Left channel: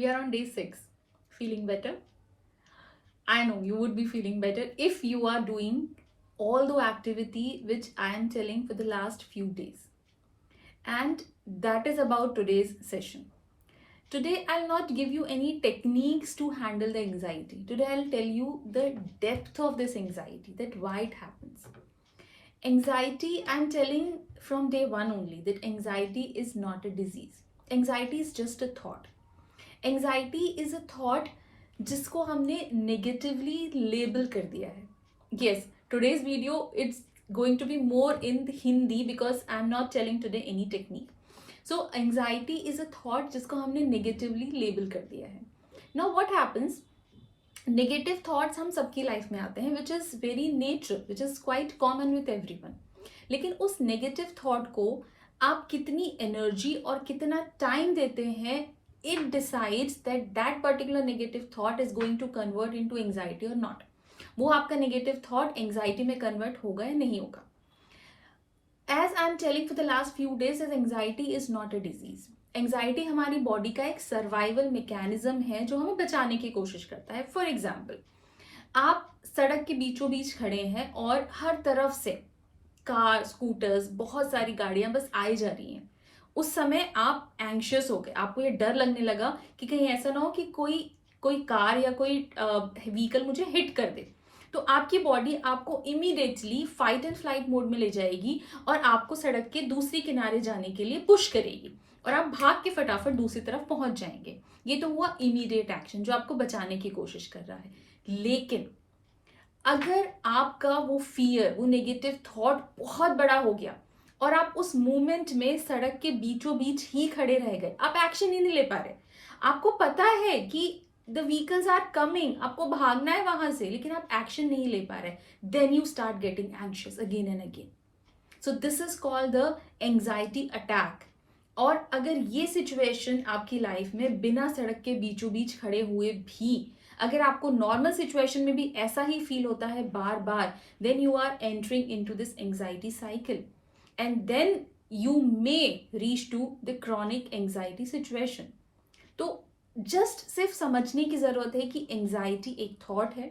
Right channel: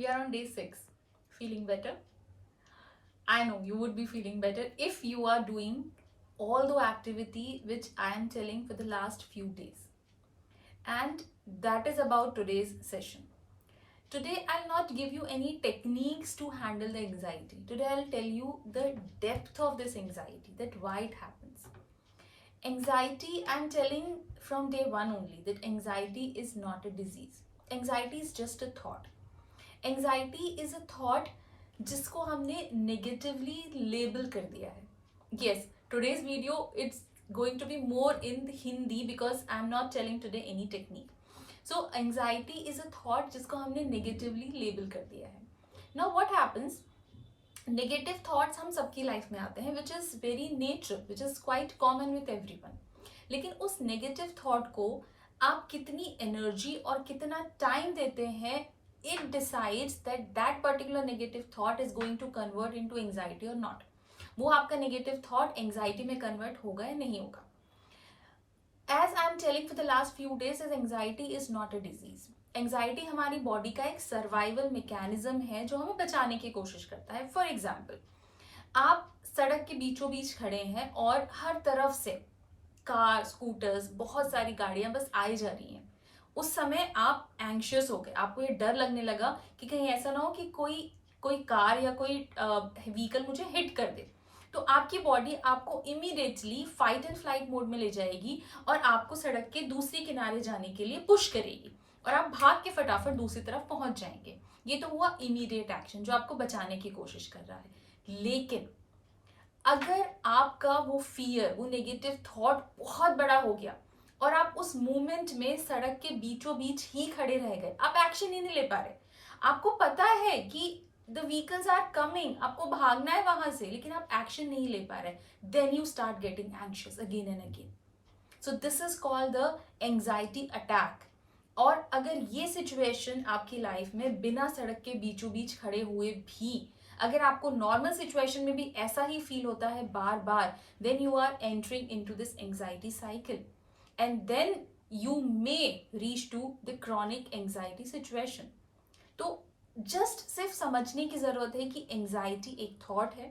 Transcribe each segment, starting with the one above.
We are on day 6. Feeling better? I know you would be feeling better if you are doing all the activity which I am telling for the last few days. And that is about today's session. Today, I'll not give you any techniques to handle the anxiety. Today, I'll tell you the depth of this anxiety, that why it happens. Anxiety, I'm telling from day one only that anxiety is not a disease. Anxiety is just a thought. Anxiety is a thought जिसको हमने negatively label कर दिया है. Yes, today's video it's going to be more in Hindi because I'm not telling today any technique. So anxiety is a thought जिसको हमने negatively label कर दिया है. Now what happens? Negative thoughts हम सबकी लाइफ में आते हैं which is very natural, which is quite common with everyone. लेकिन उस नेगेटिव थॉट को आप कितनी एनर्जी और कितना टाइम देते हैं, it decides that that particular negative thought is going to convert into anxiety और नॉट. वो आपका नेगेटिव थॉट एंजाइटी में कन्वर्ट होगा या नहीं होगा. As I am telling for the last few days, is anxiety is not a disease. Anxiety हमारी body का एक सर्वाइवल मैकेनिज्म है जो हमें बचाने की कोशिश करता है. फॉर एग्जाम्पल, आप सड़क के बीचों बीच खड़े हैं और हर तरफ से कार, स्कूटर्स, बहुत सारी गाड़ियां बस आई जा रही हैं. उस समय आप एंग्शियस हो गए, आपको ये डर लगने लगा कि कहीं ऐसा ना हो कि कोई कार या कोई व्हीकल मुझे हिट कर दे. तो आपकी बॉडी आपको immediately fight and flight mode में ले जाएगी और आपको सड़क के दूसरी किनारे जाने के लिए पुश करेगी और आप भाग के फटाफट दूसरी तरफ पहुंच जाएंगे. ये तो हुआ इमीडिएट एक्शन जो आपको बचाने की कोशिश कर रहा है. लेकिन अगर आपका वो फियर, वो नेगेटिव थॉट बहुत बड़ा हो गया और आप उस मोमेंट में सड़क के बीचों बीच ही खड़े रह गए, आप एक्शन ही नहीं ले पा रहे, आपको पता है कि द व्हीकल्स आर कमिंग, आपको भागना है वहां से, लेकिन आप एक्शन नहीं ले पा रहे, then you start getting anxious again and again. So this is called the anxiety attack. और अगर ये सिचुएशन आपकी लाइफ में बिना सड़क के बीचों बीच खड़े हुए भी, अगर आपको नॉर्मल सिचुएशन में भी ऐसा ही फील होता है बार बार, then you are entering into this anxiety cycle and then you may reach to the chronic anxiety situation. तो जस्ट सिर्फ समझने की जरूरत है कि एंग्जाइटी एक थॉट है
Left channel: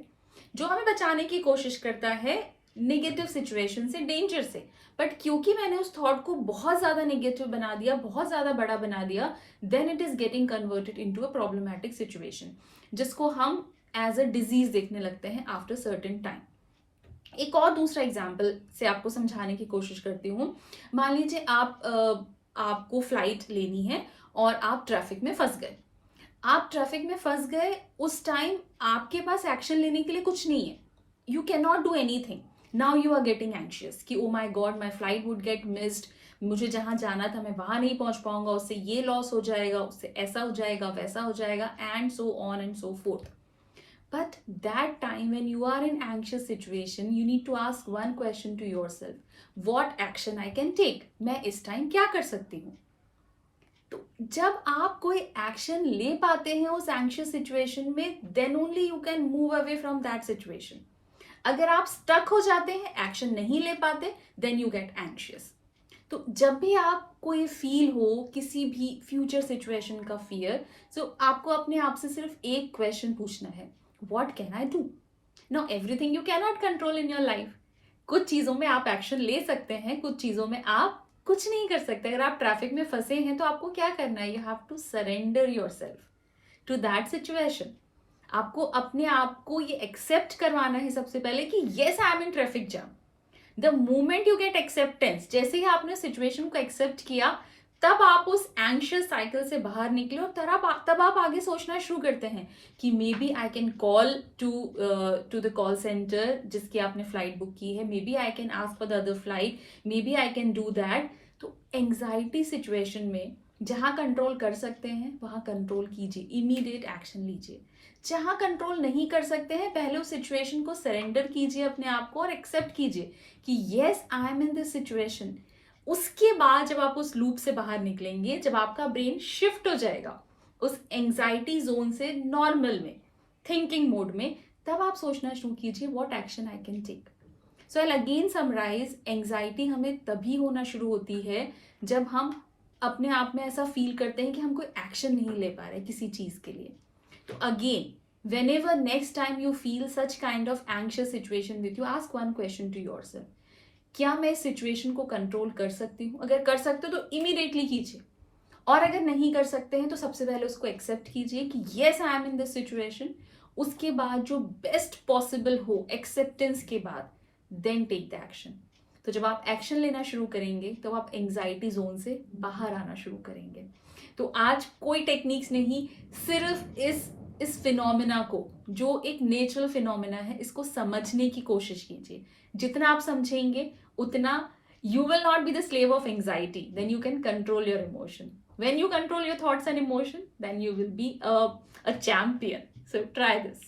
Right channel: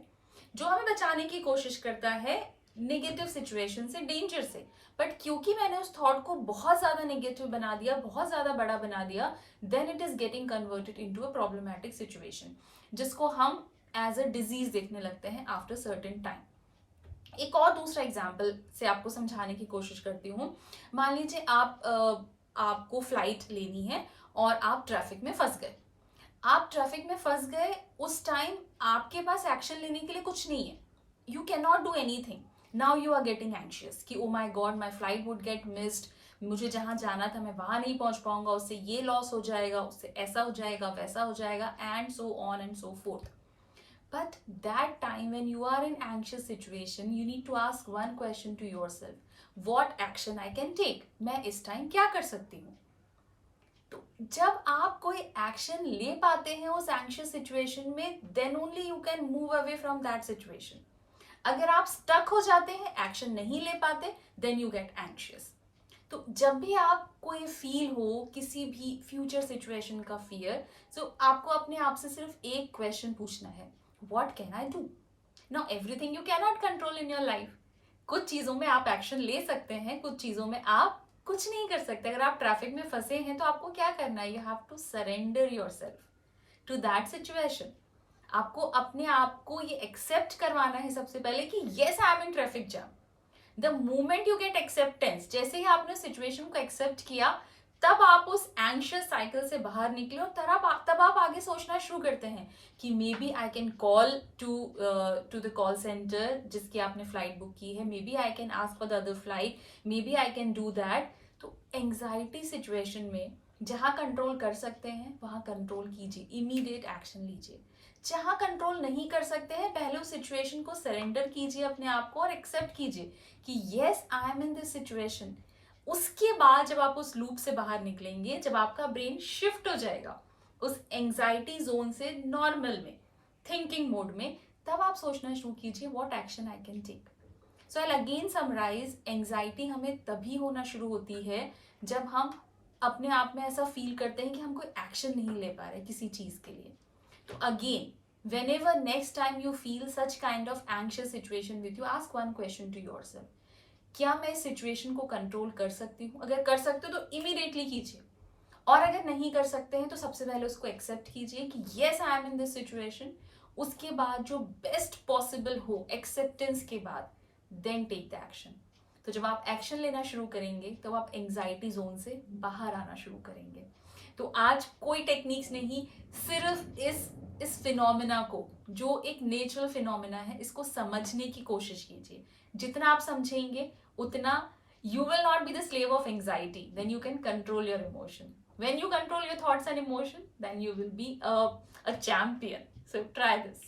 जो हमें बचाने की कोशिश करता है नेगेटिव सिचुएशन से, डेंजर से. बट क्योंकि मैंने उस थॉट को बहुत ज्यादा नेगेटिव बना दिया, बहुत ज्यादा बड़ा बना दिया, then it is getting converted into a problematic situation जिसको हम एज अ डिजीज देखने लगते हैं आफ्टर सर्टेन टाइम. एक और दूसरा एग्जाम्पल से आपको समझाने की कोशिश करती हूँ. मान लीजिए आपको फ्लाइट लेनी है और आप ट्रैफिक में फंस गए. आप ट्रैफिक में फंस गए, उस टाइम आपके पास एक्शन लेने के लिए कुछ नहीं है. You can not do anything. Now you are getting anxious कि oh my God, my flight would get missed, मुझे जहां जाना था मैं वहां नहीं पहुंच पाऊंगा, उससे ये लॉस हो जाएगा, उससे ऐसा हो जाएगा, वैसा हो जाएगा, and so on and so fourth. But that time when you are in anxious situation, you need to ask one question to yourself. What action I can take? मैं इस टाइम क्या कर सकती हूँ? तो जब आप कोई एक्शन ले पाते हैं उस एंग्शियस सिचुएशन में, then only you can move away from that situation. अगर आप स्टक हो जाते हैं, एक्शन नहीं ले पाते, देन यू गेट एंग्शियस. तो जब भी आपको ये फील हो किसी भी फ्यूचर सिचुएशन का फियर, सो आपको अपने आप से सिर्फ एक क्वेश्चन पूछना है, what can I do? Now everything you can not control in your life. कुछ चीजों में आप एक्शन ले सकते हैं, कुछ चीजों में आप कुछ नहीं कर सकते. अगर आप ट्रैफिक में फंसे हैं तो आपको क्या करना है? You have to surrender yourself to that situation. आपको अपने आप को ये एक्सेप्ट करवाना है सबसे पहले कि yes I am in traffic jam. The moment you get acceptance, जैसे ही आपने सिचुएशन को एक्सेप्ट किया, तब आप उस एंग्शियस साइकिल से बाहर निकले और तब आप आगे सोचना शुरू करते हैं कि may be I can call to the call centre जिसकी आपने फ्लाइट बुक की है, may be I can ask for the other flight, may be I can do that. तो एंग्जाइटी सिचुएशन में जहां कंट्रोल कर सकते हैं वहां कंट्रोल कीजिए, इमीडिएट एक्शन लीजिए. जहां कंट्रोल नहीं कर सकते हैं, पहले उस सिचुएशन को सरेंडर कीजिए अपने आप को और एक्सेप्ट कीजिए कि yes I am in this situation. उसके बाद जब आप उस लूप से बाहर निकलेंगे, जब आपका ब्रेन शिफ्ट हो जाएगा उस एंग्जाइटी जोन से नॉर्मल में, थिंकिंग मोड में, तब आप सोचना शुरू कीजिए what action I can take. So I again summarise, anxiety हमें तभी होना शुरू होती है जब हम अपने आप में ऐसा फील करते हैं कि हम कोई एक्शन नहीं ले पा रहे किसी चीज़ के लिए, तो again whenever next time you feel such kind of anxious situation with you, ask one question to yourself, क्या मैं इस सिचुएशन को कंट्रोल कर सकती हूँ? अगर कर सकते हो तो इमीडिएटली कीजिए, और अगर नहीं कर सकते हैं तो सबसे पहले उसको एक्सेप्ट कीजिए कि yes I am in this situation. उसके बाद जो बेस्ट पॉसिबल हो एक्सेप्टेंस के बाद, देन टेक द एक्शन। तो जब आप एक्शन लेना शुरू करेंगे तो आप एंजाइटी जोन से बाहर आना शुरू करेंगे। तो आज कोई टेक्निक्स नहीं, सिर्फ इस फिनोमिना को, जो एक नेचुरल फिनोमिना है, इसको समझने की कोशिश कीजिए। जितना आप समझेंगे उतना you will not be the slave of anxiety, then you can control your emotion. When you control your thoughts and emotion, then you will be a champion. So try this.